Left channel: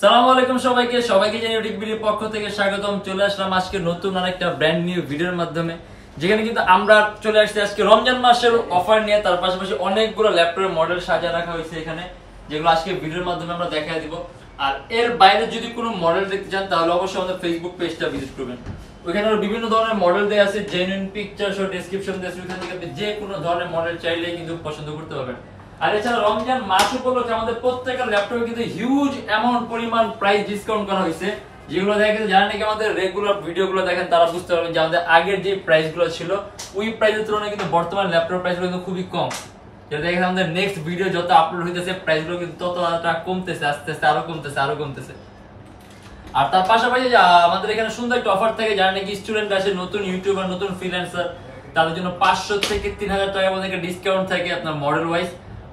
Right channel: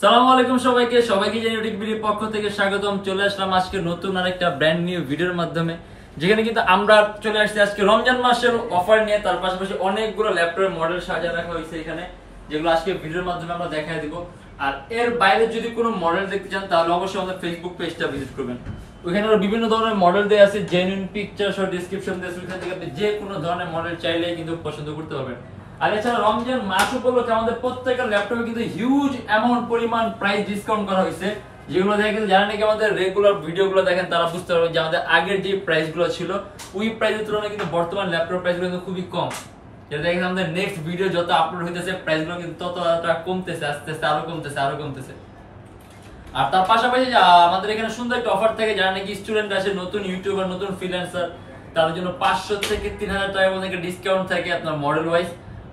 সালামু আলাইকুম সবাইকে জানি ইউটিউবের পক্ষ থেকে স্বাগতম। চলে আসলাম আজকে নতুন আরেকটা ব্র্যান্ড নিউ ভিডিওর মাধ্যমে, যেখানে কিন্তু আমরা চলে আসছি আজকে রমজান মাসের অফার নিয়ে। তার পাশাপাশি অনেকগুলো ল্যাপটপের মডেল সাজিয়ে রাখা হয়েছে এখানে, যেগুলো আজকে ভিডিওর মাধ্যমে আমরা দেখাই দিব। আর এর বাইরে যদি কোনো মডেল দেখতে চান তাহলে অবশ্যই আমাদের ফেসবুক পেজটা ভিজিট করবেন। ওইখানে বিভিন্ন ধরনের মডেল দেওয়া আছে, জেনুইন পিকচার সহ ডেসক্রিপশন দেওয়া আছে। ওইখান থেকে আপনি যে কোনো ধরনের মডেল চাইলেই কিন্তু পছন্দ করতে পারবেন। আর এছাড়া রমজান মাস উপলক্ষে আমাদের প্রত্যেকটা ল্যাপটপে কিন্তু হিউজ অ্যামাউন্ট পরিমাণ প্রাইস ডিসকাউন্ট করা হয়েছে, যেগুলো দেখেন যারা নাকি আমাদের রেগুলার ভিডিওগুলো দেখেন তারা বুঝতে পারবেন যে আমাদের আগের যে প্রাইসগুলো ছিল ওই প্রাইসের তুলনায় কিন্তু বর্তমান ল্যাপটপ প্রাইসগুলো কিন্তু খুবই কম। যেটা দেখেন আমাদের নেক্সট ভিডিও যত আপলোড হইতেছে প্রাইসগুলো কিন্তু ততটা কমতেছে, আস্তে আস্তে আরো কমতেছে। আর তার পাশাপাশি আমাদের এখানে সুন্দর একটা অফার থাকে, যারা নাকি স্টুডেন্ট আছে, নতুন ইউটিউবার, নতুন ফ্রিল্যান্সার, তাদের জন্য 500 থেকে 3000 টাকার মধ্যে ডিসকাউন্ট থাকে আপনার মডেল ওয়াইজ।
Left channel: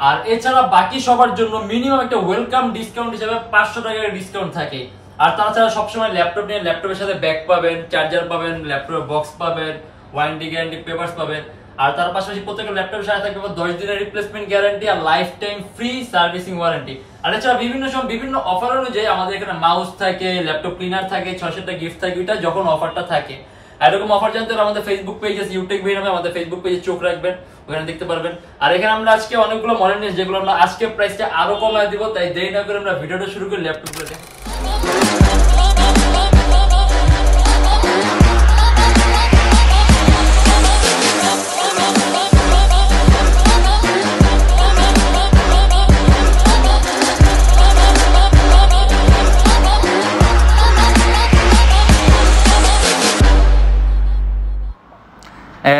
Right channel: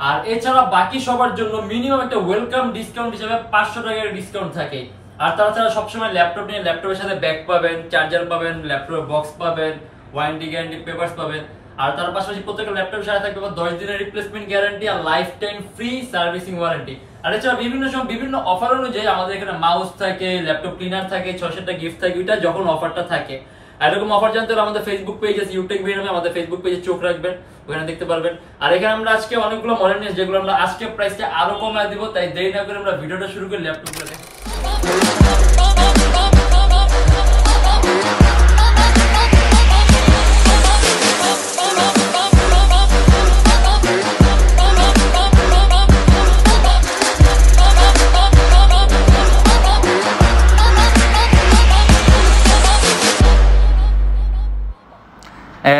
আর এছাড়া বাকি সবার জন্য মিনিমাম একটা ওয়েলকাম ডিসকাউন্ট হিসেবে 500 টাকার ডিসকাউন্ট থাকে। আর তাছাড়া সবসময় ল্যাপটপ নিয়ে ল্যাপটপের সাথে ব্যাগ পাবেন, চার্জার পাবেন, ল্যাপটপের বক্স পাবেন, ওয়ারেন্টি গ্যারান্টি পেপারস পাবেন। আর তার পাশাপাশি প্রত্যেকটা ল্যাপটপের সাথে থাকবে 10 দিনের রিপ্লেসমেন্ট গ্যারান্টি আর lifetime free servicing warranty. আর এছাড়া বিভিন্ন সময় বিভিন্ন অফার অনুযায়ী আমাদের এখানে মাউস থাকে, ল্যাপটপ ক্লিনার থাকে, 600টা গিফট থাকে, ওইটা যখন অফারটা থাকে। এরকম অফার জানতে হলে আমাদের ফেসবুক পেজ আছে ইউটেকবি নামে, আমাদের ফেসবুক পেজে চোখ রাখবেন, ওখানে দেখতে পারবেন। আর এখানে আমরা আজকে অনেকগুলো মডেল নিয়ে যেগুলো আমরা আজকে প্রাইসটা আরো কমায় দিব, তাই দেরি না করে আমরা ভিডিওটা শুরু করি ল্যাপটপগুলো দেখে।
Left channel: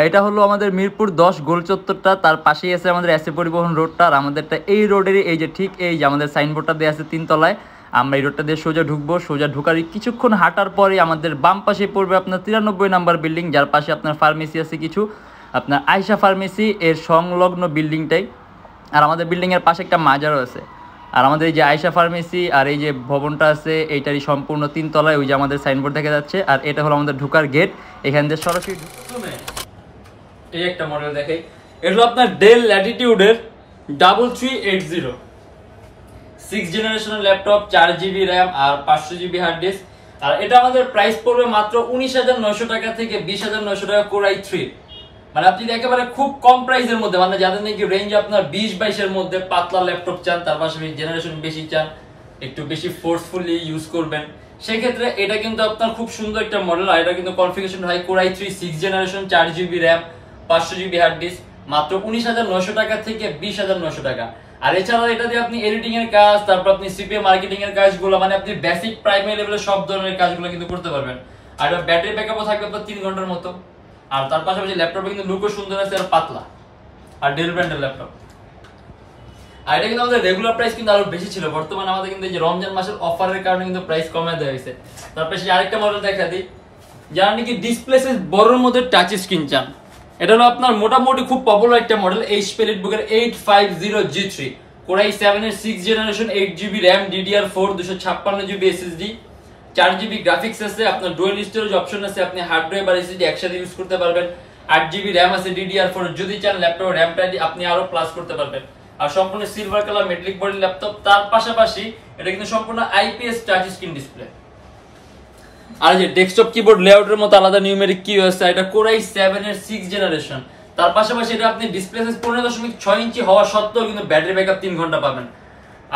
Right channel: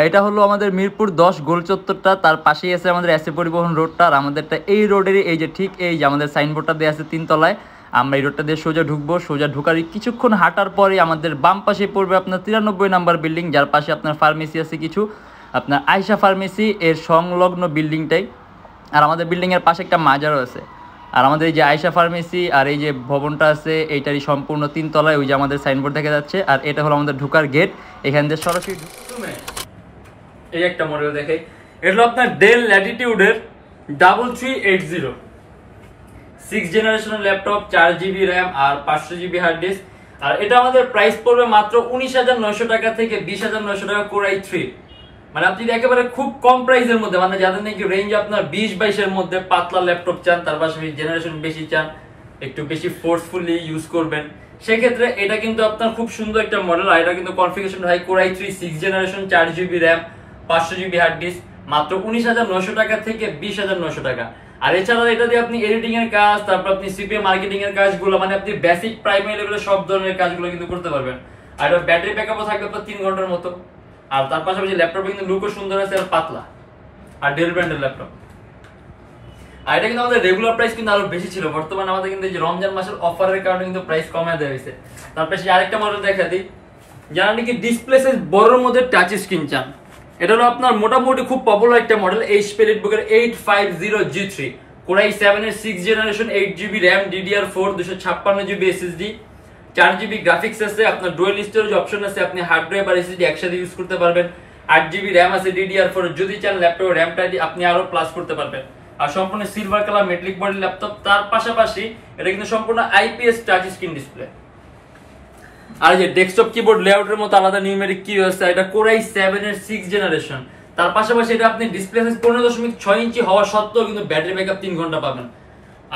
এটা হলো আমাদের মিরপুর 10 গোল চত্বরটা, তার পাশেই আছে আমাদের এসএ পরিবহন রোডটা। আর আমাদেরটা এই রোডেরই এই যে ঠিক এই যে আমাদের সাইনবোর্ডটা দেওয়া আছে 3 তলায়। আমরা এই রোডটা দিয়ে সোজা ঢুকবো, সোজা ঢুকার কিছুক্ষণ হাঁটার পরে আমাদের বাম পাশে পড়বে আপনার 93 নাম্বার বিল্ডিং, যার পাশে আপনার ফার্মেসি আছে কিছু, আপনার আয়শা ফার্মেসি এর সংলগ্ন বিল্ডিংটাই। আর আমাদের বিল্ডিংয়ের পাশে একটা মাজারও আছে। আর আমাদের এই যে আয়শা ফার্মেসি আর এই যে ভবনটা আছে এইটারই সম্পূর্ণ 3 তলায়, ওই যে আমাদের সাইনবোর্ড দেখা যাচ্ছে। আর এটা হলো আমাদের ঢুকার গেট, এখান দিয়ে সরাসরি এই একটা মডেল দেখাই। এটা হলো আপনার ডেল ল্যাটিটিউডের 3380 6 জেনারেশনের ল্যাপটপ, 4GB র্যাম আর 500GB হার্ড ডিস্ক। আর এটা আমাদের প্রাইস পড়বে মাত্র 19,900 টাকা থেকে 20,900 টাকা কোর i3। মানে আপনি একেবারে খুব কম প্রাইসের মধ্যে, মানে যাদের নাকি রেঞ্জ আপনার 20-22 এর মধ্যে পাতলা ল্যাপটপ চান, তার পাশাপাশি জেনারেশন বেশি চান, একটু বেশি ফোর্সফুলি ইউজ করবেন, সেই ক্ষেত্রে এটা কিন্তু আপনার খুব সুন্দর একটা মডেল। আর এটা কিন্তু configuration high core i3 6 generation, 4GB RAM, 500GB hard disk, মাত্র 19,900 টাকা থেকে 20,900 টাকা। আর এছাড়া এটা দিয়ে আপনি এডিটিং এর কাজ, তারপর আপনি সিপিএ মার্কেটিং এর কাজগুলো, মানে আপনি বেসিক প্রাইমারি লেভেলের সব ধরনের কাজগুলো কিন্তু করতে পারবেন। আর এটা ব্যাটারি ব্যাকআপও থাকবে আপনার 3 ঘন্টার মতো। আর তার পাশাপাশি ল্যাপটপে কিন্তু লুকও সুন্দর আছে আর পাতলা, আর ডেল ব্র্যান্ডের ল্যাপটপ। আর এটা কিন্তু আমাদের রেগুলার প্রাইস কিন্তু আরো বেশি ছিল, বর্তমানে আমাদের কিন্তু এই যে রমজান মাসের অফারের কারণে কিন্তু প্রাইস কমিয়ে দেওয়া হয়েছে। তারপরে আরেকটা মডেল দেখা দিই, যারা নাকি ডিসপ্লে সাইজ বড়র মধ্যে টাচ স্ক্রিন চান, এটা হলো আপনার মোটামুটি খুব পপুলার একটা model, HP এলিটবুকের 850G3 core i7 এর 6 generation, 8GB RAM, DDR4 256GB SSD, 4GB graphics আছে, আপনার ডুয়াল স্টোরেজ অপশন আছে, আপনি হার্ড ড্রাইভ আর SSD একসাথে ইউজ করতে পারবেন। 8GB র্যাম আছে, DDR4 যদি চান ল্যাপটপ র্যামটা আপনি আরো প্লাস করতে পারবেন। আর সম্পূর্ণ silver colour metallic body laptop, তার পাশাপাশি এটা কিন্তু সম্পূর্ণ IPS টাচ স্ক্রিন ডিসপ্লে। আর যে ডেস্কটপ কিবোর্ড লেআউটের মতো আলাদা নিউমেরিক কি আছে, এটা কোর i7 এর 6 জেনারেশন। তার পাশাপাশি এটা আপনি ডিসপ্লে সাইজ 15.6 ইঞ্চি হওয়া সত্ত্বেও কিন্তু ব্যাটারি ব্যাকআপ 3 ঘন্টা পাবেন।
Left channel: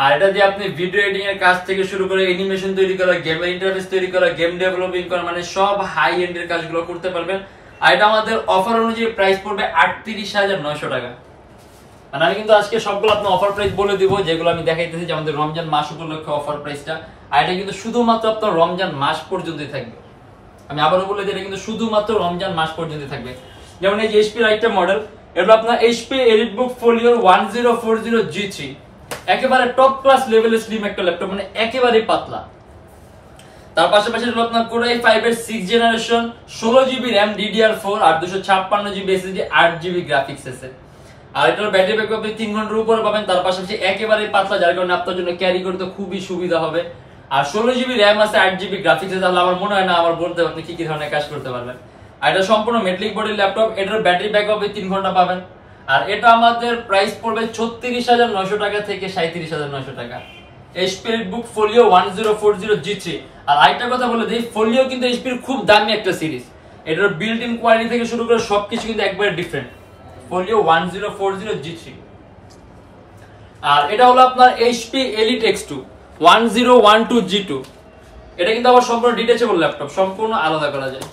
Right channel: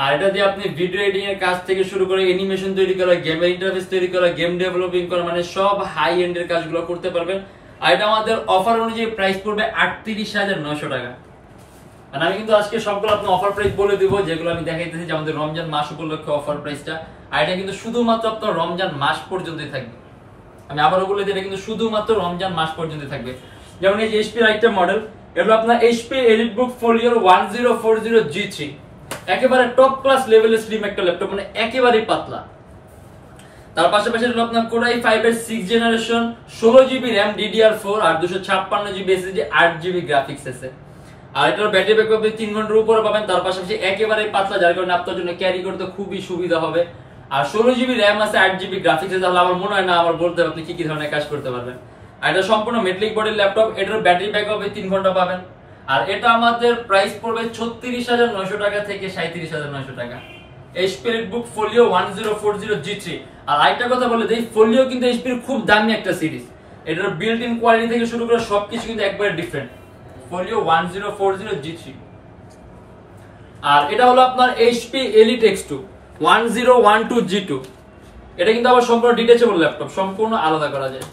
আর এটা দিয়ে আপনি ভিডিও এডিটিং এর কাজ থেকে শুরু করে অ্যানিমেশন তৈরি করা, গেমের ইন্টারফেস তৈরি করা, গেম ডেভেলপিং করা, মানে সব হাই এন্ড এর কাজগুলো করতে পারবেন। আর এটা আমাদের অফার অনুযায়ী প্রাইস পড়বে 38,900 টাকা। মানে আমি কিন্তু আজকে সবগুলো আপনার অফার প্রাইস বলে দিব, যেগুলো আমি দেখাইতেছি যে আমাদের রমজান মাস উপলক্ষে অফার প্রাইসটা। আর এটা কিন্তু শুধুমাত্র আপনার রমজান মাস পর্যন্তই থাকবে। আমি আবারও বলে দিই, এটা কিন্তু শুধুমাত্র রমজান মাস পর্যন্ত থাকবে। যেমন এই যে এইচপি আইটেম মডেল, এটা আপনার এইচপি এলিটবুক ফোলিওর 1040G3, একেবারে টপ ক্লাস লেভেলের স্লিম একটা ল্যাপটপ, মানে একেবারে পাতলা। তার পাশাপাশি হলো আপনার কোর i5 এর 6 জেনারেশন, 16GB র্যাম, DDR4 আর 256GB SSD, 8GB গ্রাফিক্স আছে। আর এটার ব্যাটারি ব্যাকআপ 3 ঘন্টার উপরে পাবেন। তার পাশাপাশি একেবারে পাতলা, যার কারণে আপনার জন্য ক্যারি করতে খুবই সুবিধা হবে। আর 16GB র্যাম আছে, 8GB গ্রাফিক্স আছে। তাহলে আমার মনে হয় না আমার বলতে আপনি কি কি ধরনের কাজ করতে পারবেন। আর এটা সম্পূর্ণ মেটালিক বডির ল্যাপটপ, এটার ব্যাটারি ব্যাকআপ 3 ঘন্টা পাবেন। আর এটা আমাদের প্রাইস পড়বে 36,900 টাকা থেকে 37,900 টাকা। HP EliteBook Folio 1040G3। আর আরেকটা কথা বলে দেই, ফোলিও কিন্তু HP এর খুব দামি একটা সিরিজ, এটার বিল্ট ইন কোয়ালিটি থেকে শুরু করে সবকিছু কিন্তু একবারে ডিফারেন্ট। Folio 1040G3। আর এটা হলো আপনার HP Elitex2 1012G2। এটা কিন্তু আবার সম্পূর্ণ ডিটেচেবল ল্যাপটপ, সম্পূর্ণ আলাদা করা যায়,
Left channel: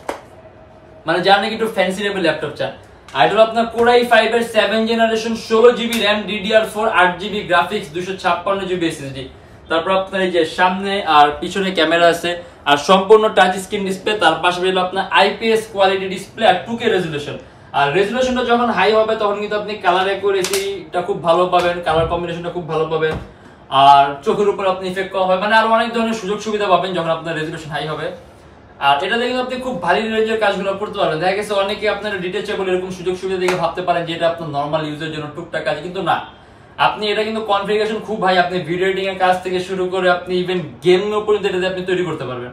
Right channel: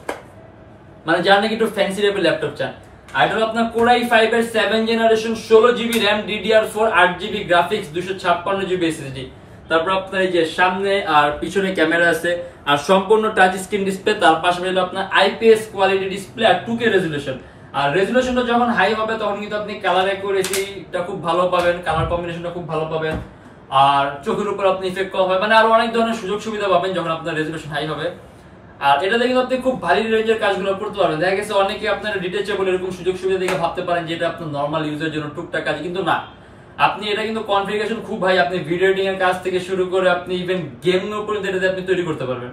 মানে যারা নাকি একটু ফ্যান্সি লেভেল ল্যাপটপ চান। আর এটা হলো আপনার Core i5 এর 7 generation 16GB RAM DDR4 8GB graphics 256GB SSD। তারপর আপনার এই যে সামনে আর পিছনে ক্যামেরা আছে, আর সম্পূর্ণ টাচ স্ক্রিন ডিসপ্লে, তার পাশাপাশি হলো আপনার IPS কোয়ালিটি ডিসপ্লে আর 2K রেজোলিউশন। আর রেজোলিউশনটা যখন হাই হবে তখন কিন্তু আপনি কালার অ্যাকুরেসিটা খুব ভালো পাবেন, কালার কম্বিনেশনটা খুব ভালো পাবেন, আর চোখের উপর আপনি ইফেক্ট কম হবে, মানে আরো অনেক ধরনের সুযোগ সুবিধা পাবেন যখন আপনার রেজোলিউশন হাই হবে। আর এটাতে কিন্তু আপনি খুব ভারী রেঞ্জের কাজগুলো করতে পারবেন। দেখা গেছে অনেকে আপনার ডিটেচেবল এরকম সুযোগ সুবিধা দেখে ভাবতে পারেন যে এটা আপনার নরমাল ইউজের জন্য টুকটাক কাজ, কিন্তু না, আপনি এটা কিন্তু কনফিগারেশন খুব ভাই, আপনি ভিডিও এডিটিং এর কাজ থেকে শুরু করে আপনি ইভেন গেম পর্যন্ত এটাতে আপনি তৈরি করতে পারবেন।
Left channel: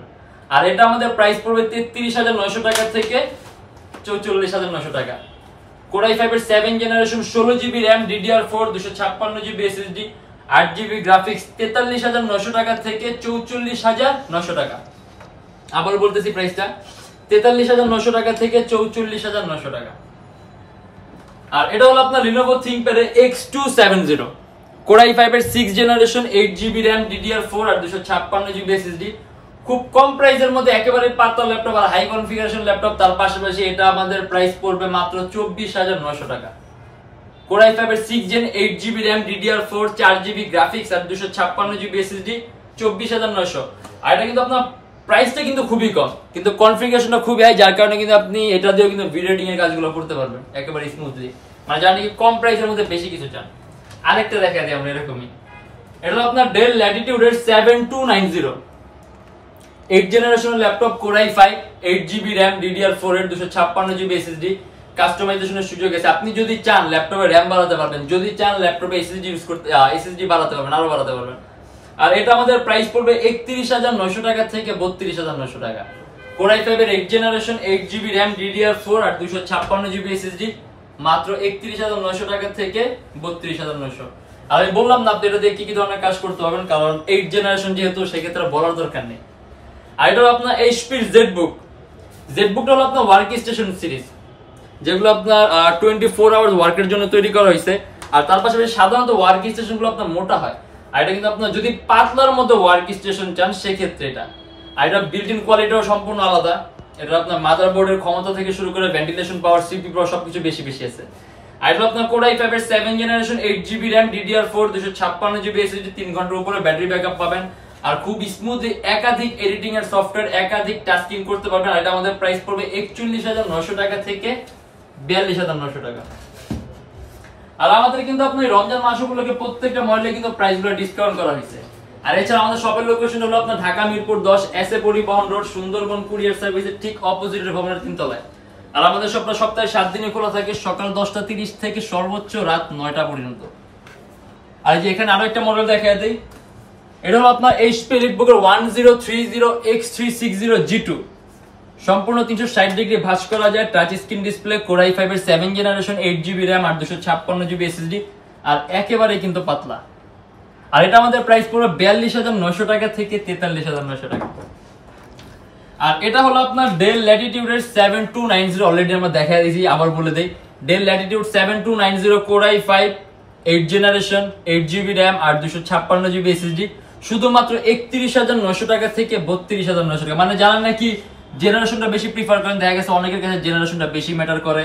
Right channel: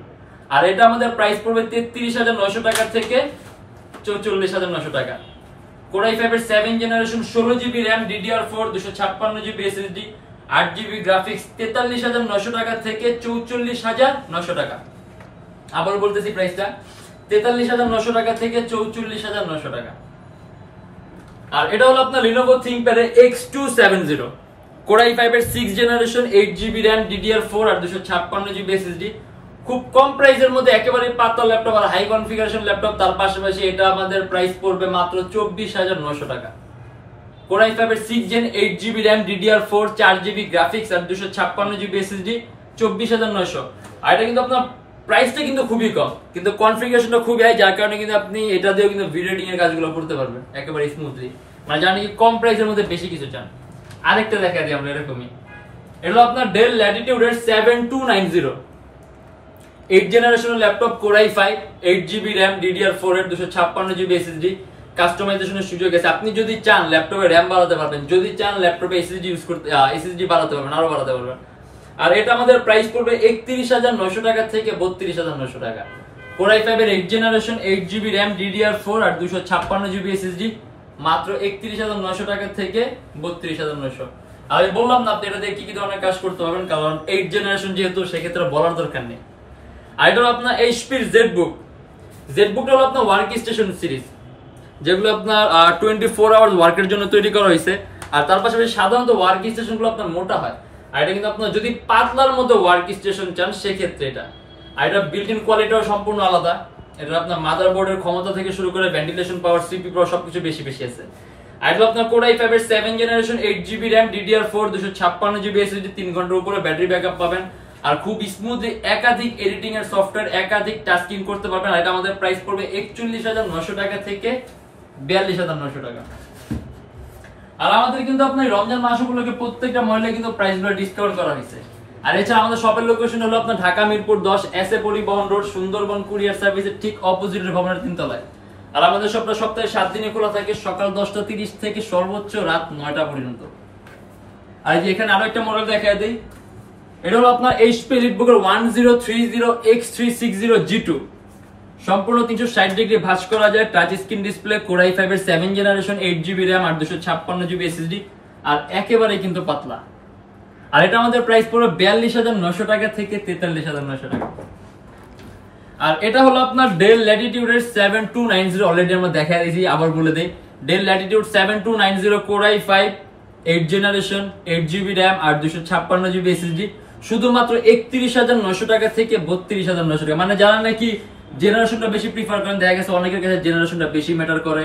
আর এটা আমাদের প্রাইস পড়বে 33,900 টাকা থেকে 44,900 টাকা। Core i5 এর 7 generation 16GB RAM DDR4 256GB SSD 8GB graphics 43,900 টাকা থেকে 44,900 টাকা। আবার বলতেছি প্রাইসটা 43,900 টাকা থেকে 44,900 টাকা। আর এটা হলো আপনার Lenovo ThinkPad এর X270 Core i5 এর 6 জেনারেশন 8GB RAM DDR4 আর 256GB SSD। খুব কম প্রাইসের মধ্যে একেবারে পাতলা ল্যাপটপ আর হাই কনফিগারেশন ল্যাপটপ, তার পাশাপাশি এটা আমাদের প্রাইস পড়বে মাত্র 24,900 টাকা। Core i5 এর 6 gen 8GB RAM DDR4 4GB graphics আর 256GB SSD 24,900। আর এটা কিন্তু আপনার প্রাইসটা কিন্তু খুবই কম, কিন্তু কনফিগারেশনটা খুবই হাই, যার কারণে কিন্তু আপনি এটা দিয়েও কিন্তু ভিডিও এডিটিং এর কাজগুলো করতে পারবেন একেবারে স্মুথলি, মানে জানেন কি কম প্রাইসের মধ্যে বেশি কিছু চান। আরেকটা দেখা দিই আমরা এরকমই, এটা হলো আপনার Dell Latitude এর 7290 8 জেনারেশনের laptop Core i5 8GB RAM DDR4 এর 256GB SSD। কাস্টমাইজেশনের সুযোগ আছে, আপনি যদি চান ল্যাপটপে RAM বাড়াতে পারবেন, যদি চান ল্যাপটপে SSD ইউজ করতে SSD বাড়াতে পারবেন, আরো বাড়াতে পারবেন। আর এটা আমাদের প্রাইস পড়বে 31,900 টাকা থেকে 32,900 টাকা। Core i5 এর 8 জেনারেশন 8GB RAM DDR4 আর 256GB SSD মাত্র 31,900 টাকা থেকে 32,900। আর আমি বললাম না আপনি এটা দিয়ে কি কি ধরনের কাজ করতে পারবেন, কারণ 8 জেনারেশন যেহেতু সেক্ষেত্রে বলার দরকার নেই। আর এটা হলো আপনার HP ZBookটা হলো আপনার ওয়ার্ক স্টেশন সিরিজ, যেগুলো আপনার 24 আওয়ার্স ওয়ার্কের জন্য তৈরি করা হয়েছে। আর তার পাশাপাশি সাধারণত ওয়ার্ক স্টেশনগুলো আপনার মোটা হয়, আর এটা কিন্তু আপনার যদি পাতলার মধ্যে ওয়ার্ক স্টেশন চান সেক্ষেত্রে এটা। আর এটা বিল্ট ইন কোয়ালিটিও সম্পূর্ণ আলাদা, এটা আপনার মাদারবোর্ডের ক্ষমতা থেকে শুরু করে ভেন্টিলেশন পাওয়ার CPU পাওয়ার সবকিছু বেশি আছে। আর এটা আপনার Core i5 এর 7 generation 8GB RAM DDR4 256GB SSD 3 ঘন্টার উপরে ব্যাটারি ব্যাকআপ পাবেন, আর খুব স্মুথলি একাধিক এডিটিং এর সফটওয়্যার একাধিক টাস্কিং করতে পারবেন। আর এটা আমাদের প্রাইস পড়বে 41,900 টাকা থেকে 42,900 টাকা। আর আমাদের কিন্তু আপনার রমজান মাস উপলক্ষে প্রত্যেকটা মডেলে কিন্তু প্রাইসগুলো ডিসকাউন্ট করা হয়েছে। আর এছাড়া আমাদের শপের লোকেশন হলো আপনার ঢাকা মিরপুর 10 এসএ পরিবহন রোড সুন্দরবন কুরিয়ার সার্ভিসের ঠিক অপোজিটের ভবনের 3 তলায়। আর আমাদের শপটা সপ্তাহে 7 দিনে খোলা থাকে, সকাল 10:30 থেকে সর্বোচ্চ রাত 9টা পর্যন্ত। আর যে এখানে আরো একটা মডেল দেখায় দেই, এটা হলো আপনার HP EliteBook এর 1030X360G2 সম্পূর্ণ 360 ডিগ্রি ভাঁজ করা যায়, touch screen display, Core i5 এর 7 জেনারেশন 8GB RAM আর 256GB SSD, আর একেবারে কিন্তু পাতলা। আর এটা আমাদের প্রাইস পুরো 42,900 টাকা থেকে 43,900 টাকা। আর এটা হলো আপনার Dell Latitude এর 7290, অলরেডি আমরা দেখাই দিয়েছি, আবার বলে দেই Dell Latitude 7290 Core i5 8 generation 8GB RAM আর 256GB SSD শুধুমাত্র 31,900 টাকা থেকে 32,900 টাকা। মানে যারা নাকি জেনারেশনটা বেশি প্রিফার করেন, দেখা গেছে অনেকের কাছে জেনারেশনটা বেশি ম্যাটার করে,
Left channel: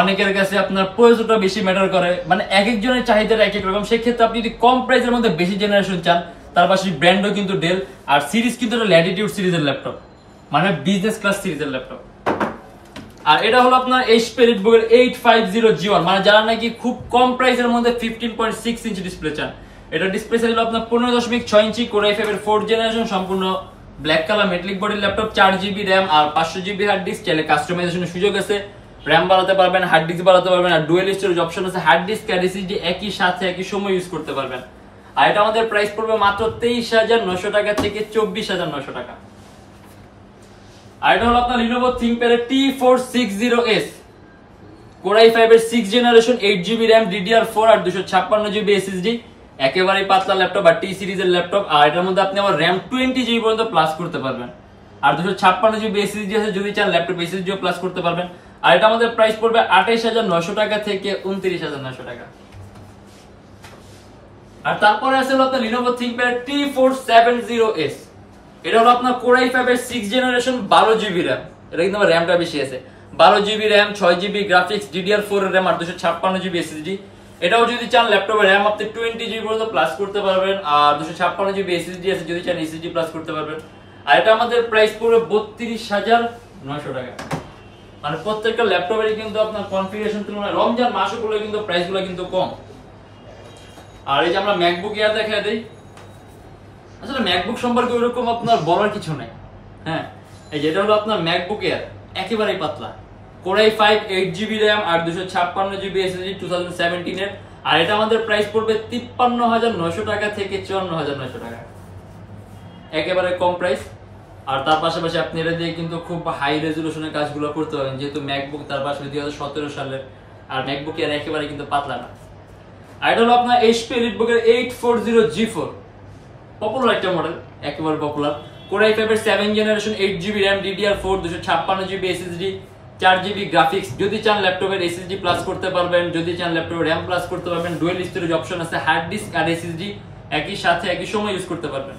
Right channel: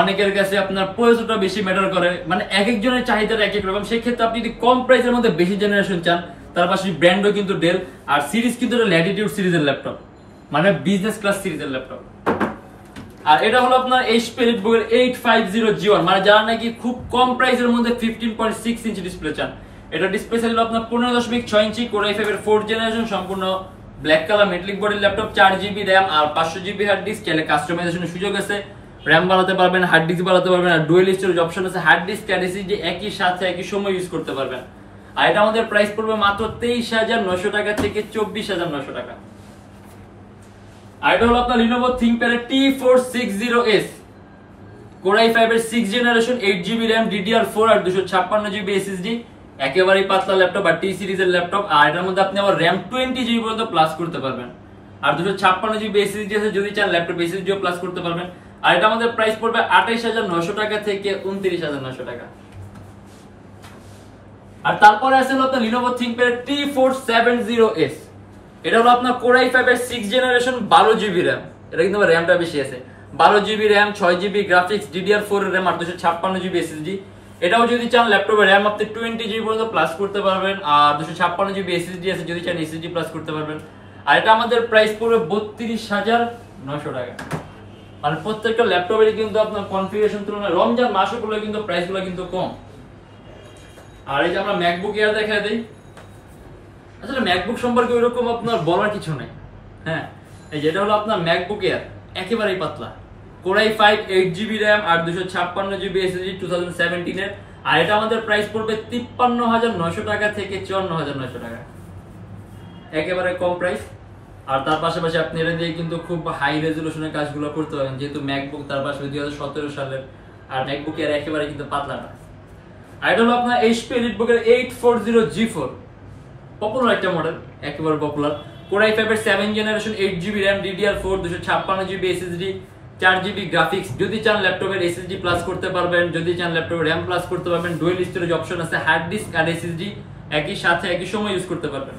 অনেকের কাছে আপনার প্রয়োজনটা বেশি ম্যাটার করে, মানে এক একজনের চাহিদাটা এক এক রকম। সেই ক্ষেত্রে আপনি যদি কম প্রাইসের মধ্যে বেশি জেনারেশন চান, তার পাশে ব্র্যান্ডও কিন্তু ডেল, আর সিরিজ কিন্তু ল্যাটিটিউড সিরিজের ল্যাপটপ, মানে বিজনেস ক্লাস সিরিজের ল্যাপটপ। আর এটা হলো আপনার HP EliteBook এর 850G1, মানে যারা নাকি খুব কম প্রাইসের মধ্যে 15.6 ইঞ্চি ডিসপ্লে চান। এটা ডিসপ্লে সাইজ হলো আপনার 15.6 ইঞ্চি, Core i5 এর 4 জেনারেশন সম্পূর্ণ ব্ল্যাক কালার মেটালিক বডির ল্যাপটপ, 4GB RAM আর 500GB হার্ড ডিস্ক। চাইলে কাস্টমাইজেশনের সুযোগ আছে, RAM বাড়াতে পারবেন, হার্ড ডিস্ক বাড়াতে পারবেন, আর ডুয়াল স্টোরেজ অপশন আছে, হার্ড ডিস্ক আর SSD একই সাথে একই সময় ইউজ করতে পারবেন। আর এটা আমাদের প্রাইস পড়বে মাত্র 23,900 টাকা থেকে 24,900 টাকা। আর এটা হলো আপনার Lenovo ThinkPad এর T460S Core i5 এর 6 জেনারেশন 8GB RAM DDR4 আর 256GB SSD একেবারেই পাতলা ল্যাপটপ আর টি সিরিজের ল্যাপটপ। আর এটার মধ্যে আপনি আমার র্যাম 20 জিবি পর্যন্ত প্লাস করতে পারবেন। আর 256 জিবি এসএসডি আছে, যদি চান ল্যাপটপ এসএসডিও প্লাস করতে পারবেন। আর এটা আমাদের প্রাইস পড়বে 28900 টাকা থেকে 29900 টাকা। আর তারপরে আছে হলো আপনার Lenovo ThinkPad T470S। এটা হলো আপনার Core i5 এর 6th জেনারেশন 12 জিবি র্যাম। এটা কিন্তু আমার র্যামটা বেশি আছে, 12 GB RAM, 6 GB graphics, DDR4 এর র্যাম আর 256 জিবি এসএসডি। এটাও যদি চান ল্যাপটপে র্যাম আপনি 20 জিবি পর্যন্ত প্লাস করতে পারবেন। আর 256 জিবি এসএসডি আছে, যদি চান এসএসডি প্লাস করতে পারবেন। আর এটা আমাদের প্রাইস পড়বে 32900 টাকা। মানে প্রত্যেকটা ল্যাপটপেরই কিন্তু আপনার কনফিগারেশন তুলনায় রমজান মাসগুলো কিন্তু প্রাইসগুলো কিন্তু কম। আর এই যে আমরা ম্যাকবুক এয়ার দেখায় দেই, আসলে ম্যাকবুক সম্পর্কে ওইরকম আপনার বলার কিছু নেই। হ্যাঁ, এই যেটা হলো আপনার ম্যাকবুক এয়ার, একেবারেই পাতলা, Core i5 8 জিবি র্যাম আর 256 জিবি এসএসডি 2017 এর। আর এটা আমাদের প্রাইস পড়বে 53900 টাকা থেকে 54900 টাকা, একেবারে কম প্রাইস। আর তার পাশাপাশি আপনি এটা দিয়ে কিন্তু খুব হাই রেজুলেশনের কাজগুলো করতে পারেন, যেহেতু ম্যাকবুক তার পাশে 2017 সালের। আর ম্যাকবুক এয়ার একেবারে কিন্তু পাতলা না। আর এটা হলো আপনার HP EliteBook এর 840G4, পপুলার একটা মডেল, একেবারে পপুলার। Core i5 এর 7th generation 8 GB RAM, DDR4, 256 GB SSD, 4 GB graphics. যদি চান ল্যাপটপের এসএসডি প্লাস করতে পারবেন, যদি চান ল্যাপটপের র্যাম প্লাস করতে পারবেন। ডুয়াল স্টোরেজ অপশন আছে, হার্ড ডিস্ক আর এসএসডি একই সাথে একই সময় ইউজ করতে পারবেন।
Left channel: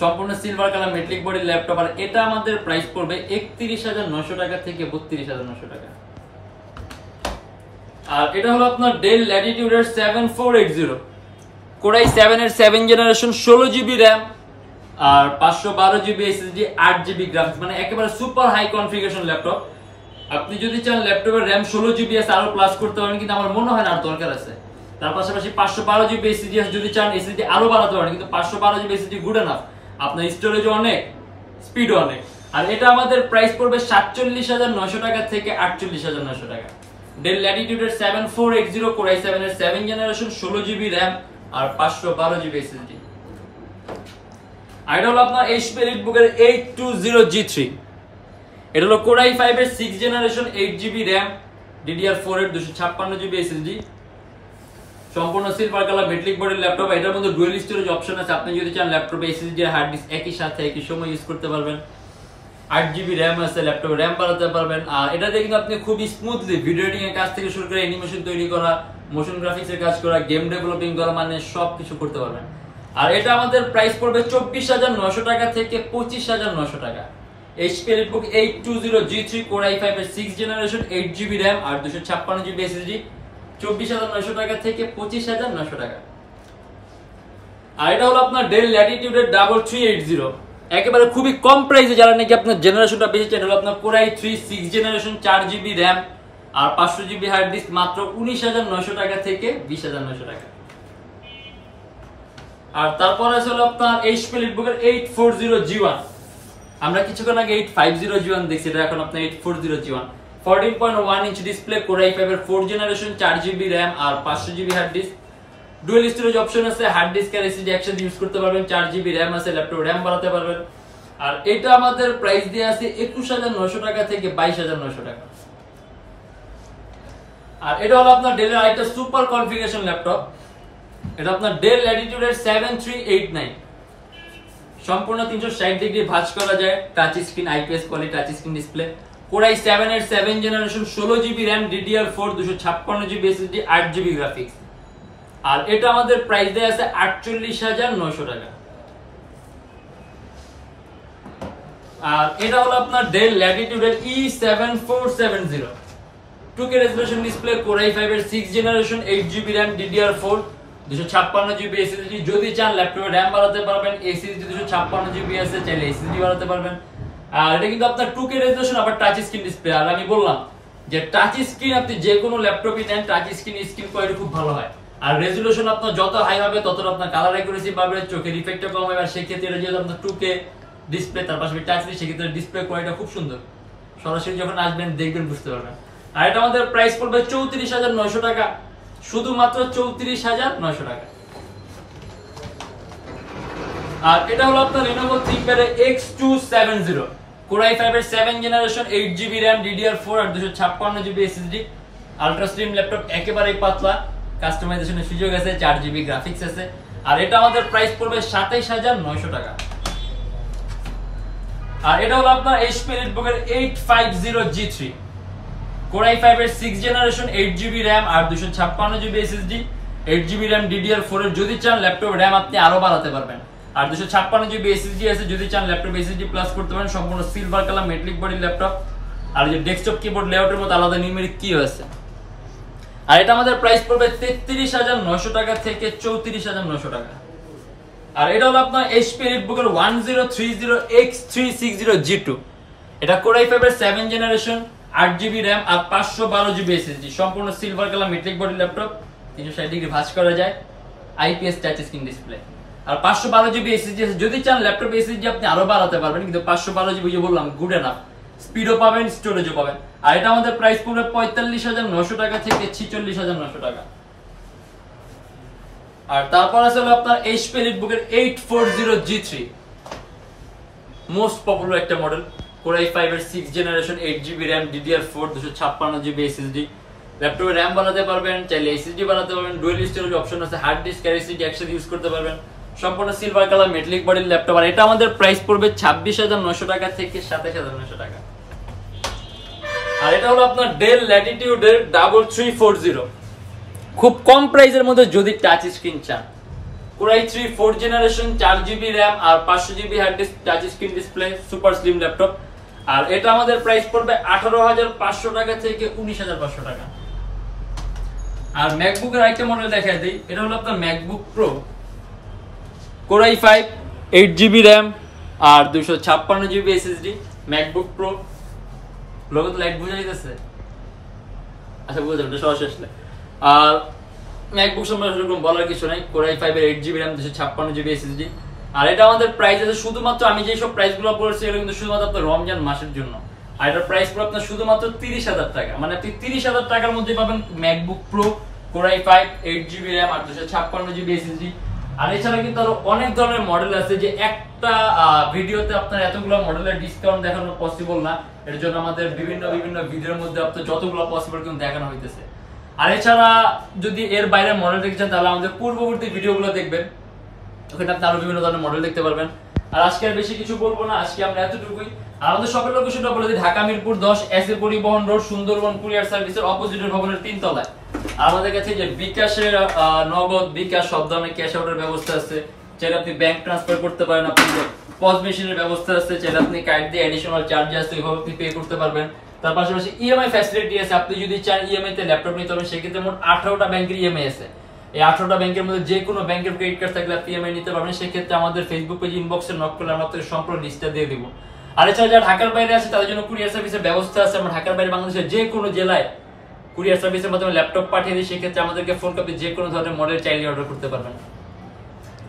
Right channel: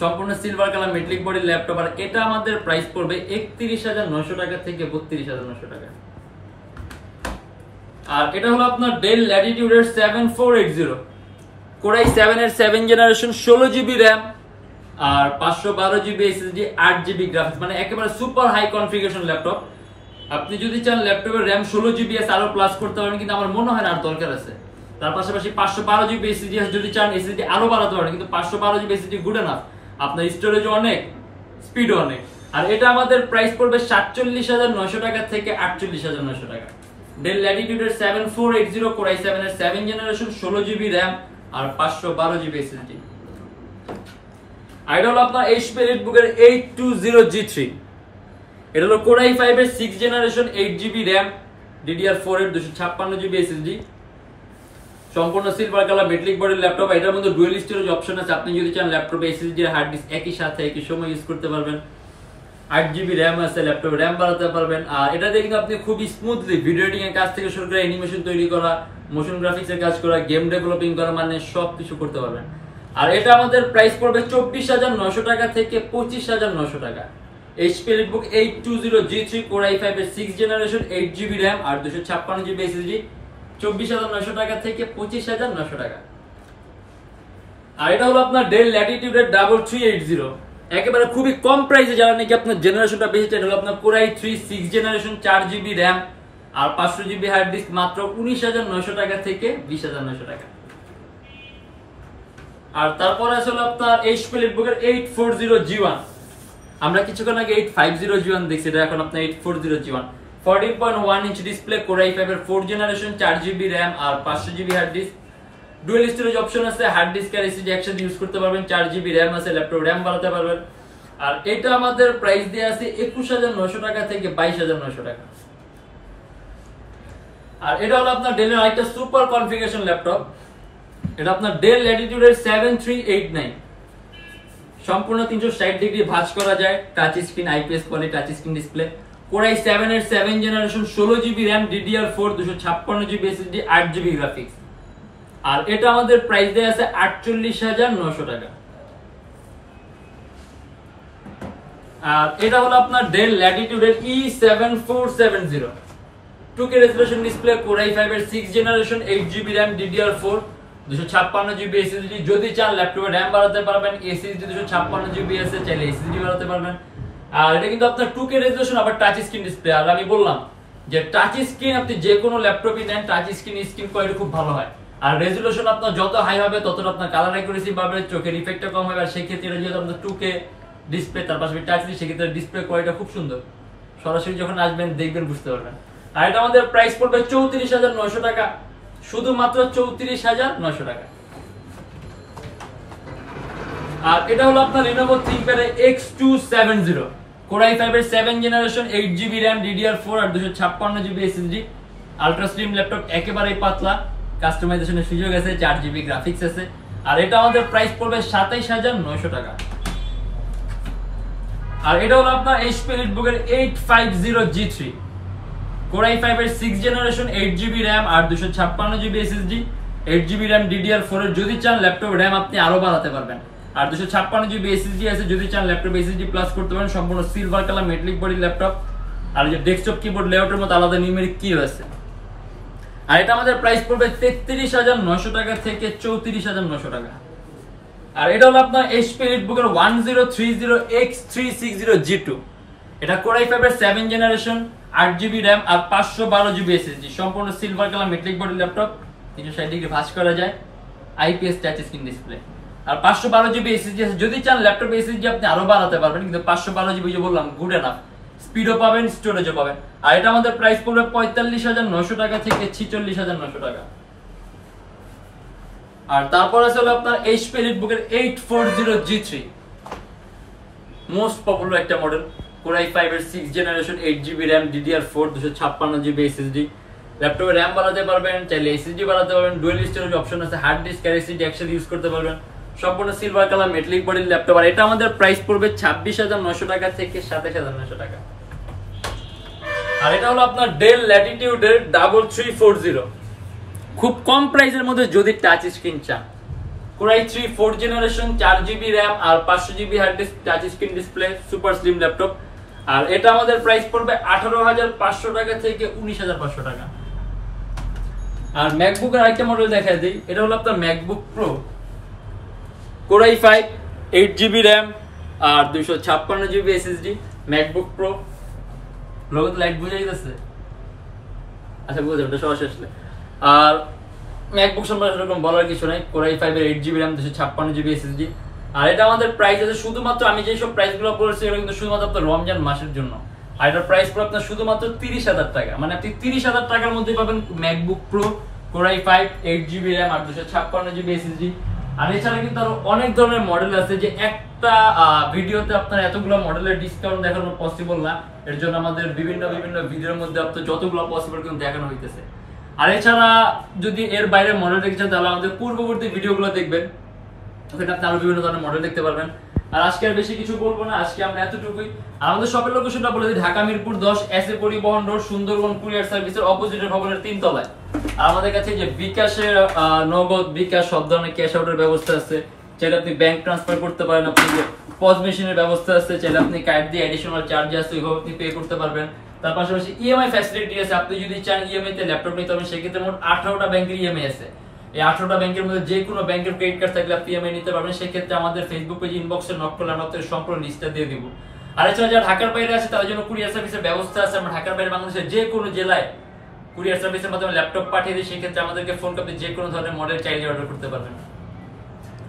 সম্পূর্ণ silver colour metallic body laptop. আর এটা আমাদের প্রাইস পড়বে 31900 টাকা থেকে 32900 টাকা। আর এটা হলো আপনার ডেল ল্যাটিটিউড এর 7480, Core i7 এর 7th জেনারেশন 16 জিবি র্যাম আর 512 জিবি এসএসডি, 8 জিবি গ্রাফিক্স। মানে একেবারে সুপার হাই কনফিগারেশন ল্যাপটপ। আপনি যদি চান ল্যাপটপের র্যাম 16 জিবি আছে আরো প্লাস করতে পারেন, কিন্তু আমার মনে হয় না আর দরকার আছে। তার পাশাপাশি 512 জিবি এসএসডি আছে, যদি চান এসএসডি আরো বাড়াতে পারেন, কিন্তু 512 জিবি এসএসডি গুড এনাফ। আপনার স্টোরেজও অনেক, স্পিডও অনেক। আর এটা আমাদের প্রাইস পড়বে 47900 টাকা থেকে 48900 টাকা। ডেল ল্যাটিটিউড এর 7480, Core i7 এর 7th জেনারেশন 16 জিবি র্যাম আর 512 জিবি এসএসডি। আর এটা হলো আপনার HP EliteBook এর 820G3। এটা হলো Core i5 এর 6th generation 8 GB RAM, DDR4 এর 256 জিবি এসএসডি, সম্পূর্ণ সিলভার কালার মেটালিক বডির ল্যাপটপ। এটার মধ্যে ডুয়াল স্টোরেজ অপশন আছে, আপনি যদি চান ল্যাপটপে এসএসডি আর হার্ড ডিস্ক একই সাথে একই সময় ইউজ করতে পারবেন। 8 জিবি র্যাম আছে, ল্যাপটপে র্যাম বাড়াতে পারবেন। আর এটাতে কিন্তু আপনি খুবই স্মুথলি ভিডিও এডিটিং এর কাজ থেকে শুরু করে অ্যানিমেশন তৈরি করা, মোশন গ্রাফিক্স এর কাজ করা, গেম ডেভেলপিং করা, মানে সবকিছু করতে পারবেন। আর এটা আমাদের প্রাইস পড়বে 24900 টাকা থেকে 25900 টাকা। HP EliteBook 820G3, Core i5 এর 6th জেনারেশন 8 জিবি র্যাম আর 256 জিবি এসএসডি, 24900 টাকা থেকে 25900 টাকা। আর এটা হলো আপনার ডেল ল্যাটিটিউড এর 3380, একেবারে খুবই কম প্রাইসে, যারা নাকি আপনার জেনারেশনটা বেশি চান। হলো আপনার Core i3 6th generation 4 GB RAM আর 500 জিবি হার্ড ডিস্ক, মাত্র 19900 টাকা থেকে 20900 টাকা। আর তারপর আছে হলো আপনার HP EliteBook এর 840G1। আমরা কিছুক্ষণ আগে 850G1 দেখছি, এটা এখন আপনার 840G1, 14.1 inch display, Core i5 এর 4th জেনারেশন 4 জিবি র্যাম আর 500 GB hard disk, dual storage option আছে, হার্ড ডিস্ক আর এসএসডি একসাথে ইউজ করতে পারবেন, 4 জিবি র্যাম আছে, ল্যাপটপ র্যাম বাড়াতে পারবেন। আর এটা আমাদের প্রাইস দিয়ে আছে 21900 টাকা থেকে 22900 টাকা। আর এটা হলো আপনার ডেলের আরেকটা সুপার কনফিগারেশন ল্যাপটপ। এটা আপনার ডেল ল্যাটিটিউড এর 7389, সম্পূর্ণ 360 ডিগ্রি ভাঁজ করা যায়, touch screen, IPS quality touch screen display. Core i7 এর 7th generation 16 GB RAM, DDR4, 256 GB SSD, 8 GB graphics. আর এটা আমাদের প্রাইস দেয়া আছে 48900 টাকা। আর এটা হলো আপনার ডেল ল্যাটিটিউড এর E7470, 2K resolution display, Core i5 এর 6th generation 8 GB RAM, DDR4, 256 GB SSD. যদি চান ল্যাপটপে র্যাম বাড়াতে পারবেন, এসএসডি 256 জিবি আছে, চাইলে এসএসডি বাড়াতে পারবেন। আর এটা কিন্তু আপনার 2K রেজোলিউশন, আবার টাচ স্ক্রিন ডিসপ্লে। আর আমি বললাম যে টাচ স্ক্রিন আপনি যে কোনো ল্যাপটপই নেন, টাচ স্ক্রিন কোয়ালিটি খুব ভালো হয়। আর রেজোলিউশন আপনার যত হাই হবে তত আপনার কালার অ্যাকুরেসি বাড়বে, চোখের ইফেক্টটা কম হবে। আর সেই ক্ষেত্রে এটা যেহেতু আপনার 2K ডিসপ্লে, তার পাশাপাশি টাচ স্ক্রিন, সেক্ষেত্রে ডিসপ্লে কোয়ালিটি খুব সুন্দর। সরাসরি যখন আসবেন দেখবেন, বুঝতে পারবেন। আর এটা আমাদের প্রাইস পড়বে 34900 টাকা, শুধুমাত্র 34900 টাকা। আর এটা হলো আপনার Lenovo ThinkPad X270, Core i5 এর 7th generation 8 GB RAM, DDR4 আর 256 GB SSD, ultra slim laptop, একেবারে পাতলা। কাস্টমাইজেশনের সুযোগ আছে, 4GB গ্রাফিক্স আছে। আর এটা আমাদের প্রাইস পড়বে 27900 টাকা। আর এটা হলো আপনার HP EliteBook এর 850G3 Core i5 এর 6th জেনারেশন, 8GB RAM আর 256GB SSD, 8GB RAM DDR4 এর। যদি চান ল্যাপটপ RAM আপনি আরো বাড়াতে পারবেন। আর 256GB SSD আছে, যদি চান ল্যাপটপ SSD প্লাস করতে পারেন। সম্পূর্ণ silver colour metallic body laptop. আর এই যে ডেস্কটপ কিবোর্ড লেআউটের মধ্যে আলাদা নিউমেরিক কি আছে। আর এটা আমাদের প্রাইস পড়বে 33900 টাকা থেকে 34900 টাকা। আর এটা হলো আপনার HP EliteBook এর 1030X360G2 এটা Core i5 এর 7th জেনারেশন, 8GB RAM আর 512GB SSD। সম্পূর্ণ silver colour metallic body laptop, 360 degree ভাঁজ করা যায়, IPS টাচ স্ক্রিন ডিসপ্লে। আর 512GB SSD আছে, যদি চান ল্যাপটপ SSD আপনি আরো বাড়াতে পারবেন, কিন্তু 512GB যে বললাম গুড এনাফ, স্পিডও পাবেন, স্টোরেজও পাবেন। আর এটা আমাদের প্রাইস পড়বে 45900 টাকা থেকে 46900 টাকা। আর তারপর আছে হলো আপনার HP EliteBook এর 840G3 মোস্ট পপুলার একটা মডেল, Core i5 এর 6th generation, 8GB RAM DDR4 256GB SSD। ল্যাপটপে RAM বাড়াতে পারবেন, চাইলে SSD বাড়াতে পারবেন, ডুয়াল স্টোরেজ অপশন আছে, হার্ড ডিস্ক আর SSD একসাথে ইউজ করতে পারবেন। সম্পূর্ণ সিলভার কালার মেটালিক বডির ল্যাপটপ। আর এটা আমাদের প্রাইস পড়বে 26900 টাকা থেকে 27900 টাকা। আর এটা হলো আপনার Dell Latitude এর 3340 খুব কম প্রাইসের মধ্যে যদি টাচ স্ক্রিন চান। Core i3 4th generation, 4GB RAM আর 500GB hard disk, touch screen display, super slim laptop. আর এটা আমাদের প্রাইস পড়বে 18500 টাকা থেকে 19500 টাকা। আর ম্যাকবুক এর আরেকটা মডেল দেখায় দেই, এটা হলো আপনার MacBook pro, Core i5 8GB RAM আর 256GB SSD, MacBook pro. Logo তো লাইট বুঝে যাচ্ছে, আচ্ছা বুঝে যাবে সহজ আসলে। আর ম্যাকবুক সম্পর্কে এরকম বলার কিছু নাই, Core i5 এর 8GB RAM 256GB SSD। আর এটা আমাদের প্রাইস আছে শুধুমাত্র, আমি যেই সব প্রাইসগুলো বলেছি এগুলো কিন্তু শুধুমাত্র আপনার রমজান মাসের জন্য। আর এটার প্রাইস পড়বে আপনার শুধুমাত্র 30000 টাকা, মানে আপনি 30000 টাকার মধ্যে পাবেন MacBook pro, Core i5 8GB RAM আর 256GB SSD। আর এছাড়া কিন্তু আরো অনেক ধরনের মডেল আছে, যে একটা ভিডিওতে আপনার এতগুলো মডেলের ডিসকাউন্ট দেখানো পসিবল না। এর জন্য আমাদের বিভিন্ন ভিডিওর মধ্যে আপনার যতগুলো পসিবল কিন্তু দেখানো হইতেছে। আর এছাড়া যদি এর বাইরে মডেল দেখতে চান তাহলে আমাদের পূর্ববর্তী ভিডিওগুলো দেখবেন, ওখানে আপনি আরো বিভিন্ন ধরনের মডেল দেখতে পারবেন। আর আজকে আর বেশি কিছু বলবো না, আজকে আমরা এতটুকুই। আর আমাদের শপের লোকেশনটা বলে দিই, ঢাকা মিরপুর 10 এসএ পরিবহন রোড, সুন্দরবন কুরিয়ার সার্ভিসের অপোজিটের ভবনের 3 তলায়। আর আমাদের কাছে যে bKash-এর নগদ, bKash সব ধরনের ক্যাশ আউটের ব্যবস্থা আছে, চাইলে আপনি ব্যাংক ট্রান্সফার করতে পারেন, আপনি পজ মেশিনের ব্যবস্থা আছে, চাইলে আপনি কার্ড দিয়ে অ্যাডিশনাল চার্জ আছে ওইভাবে আপনি পে করতে পারবেন। তার পাশাপাশি ইএমআই ফ্যাসিলিটি আছে, আপনি যদি চান ইএমআই তে ল্যাপটপ নিতে পারবেন, সেক্ষেত্রে মোট 18টা ব্যাংকের ইএমআই আছে। এই 18টা ব্যাংকের মধ্যে যে কোনো ব্যাংকের ক্রেডিট কার্ড থাকলে আপনি ইএমআই নিতে পারবেন। সেক্ষেত্রে আমাদের ফেসবুক পেজ ইনবক্সে নক করলে আমরা আপনাদের সম্পূর্ণ লিস্টটা দিয়ে দেবো। আর এছাড়া যারা ঢাকার বাইরে আছে তাদের জন্য কুরিয়ার সার্ভিসের ব্যবস্থা আছে, আমরা ঢাকার বাইরে বাংলাদেশের যে কোনো জেলায় কুরিয়ার সার্ভিসের মাধ্যমে ল্যাপটপ পাঠিয়ে দিই, সেক্ষেত্রে আমাদেরকে ফোন করে যে কোনো ধরনের মডেল চাইলে অর্ডার করতে পারবেন।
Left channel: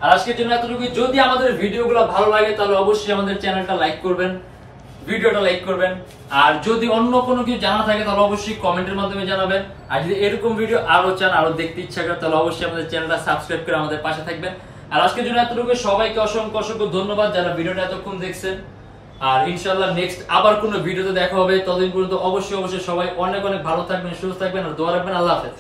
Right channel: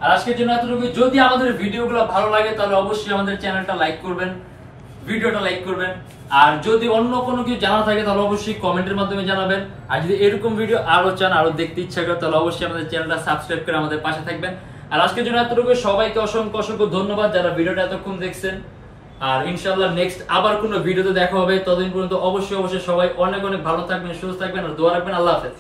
আর আজকের জন্য এতটুকু। যদি আমাদের ভিডিওগুলো ভালো লাগে তাহলে অবশ্যই আমাদের চ্যানেলটা লাইক করবেন, ভিডিওটা লাইক করবেন। আর যদি অন্য কোনো কিছু জানা থাকে তাহলে অবশ্যই কমেন্টের মাধ্যমে জানাবেন। আর যদি এরকম ভিডিও আরো চান, আরো দেখতে ইচ্ছা করে, তাহলে অবশ্যই আমাদের চ্যানেলটা সাবস্ক্রাইব করে আমাদের পাশে থাকবেন। আর আজকের জন্য এতটুকু। সবাইকে অসংখ্য ধন্যবাদ যারা ভিডিওটা এতক্ষণ দেখছেন। আর ইনশাআল্লাহ নেক্সট আবার কোনো ভিডিওতে দেখা হবে। ততদিন পর্যন্ত অবশ্যই সবাই অনেক ভালো থাকবেন, সুস্থ থাকবেন আর দোয়া রাখবেন। আল্লাহ হাফেজ।